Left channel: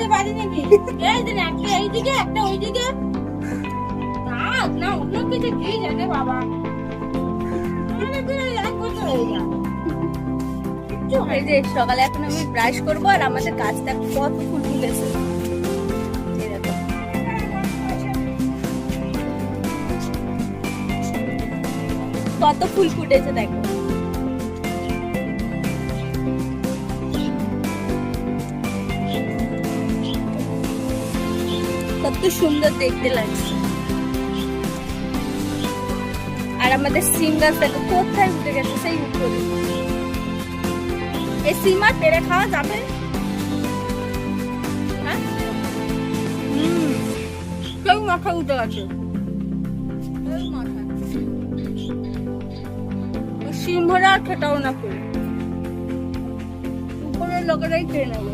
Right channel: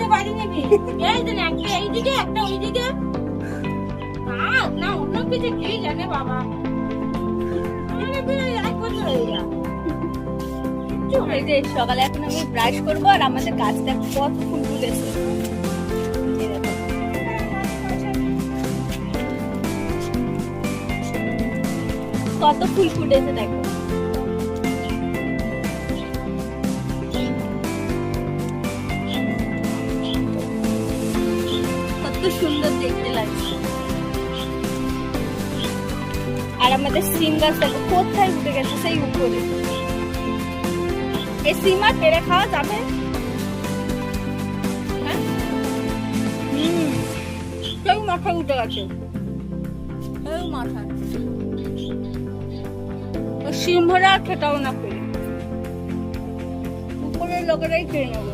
লাগাতে পারি নাকি? এই যে একটা এইদিকে একটা ওইদিকে। না অন্য কিছু কি জানে বাবা। এই যে সকালে এখন আমি ব্রাশ করবো আর আমাদের গাছটা কত ফুল ফুটেছে এই দেখো। কত ফুল ফুটেছে দেখো। কত সুন্দর দেখতে লাগছে। আর আমাদের সিম গাছ দেখো কোথায় উঠে গেছে, সেই উপরে। এই সিম আর পেড়ে খাওয়া যাবে? হ্যাঁ, কেউ মাথা উঠে গেছে। সিংহরা খেতাও না পেরে, উপরের লোকেরাই খেয়ে নেবো।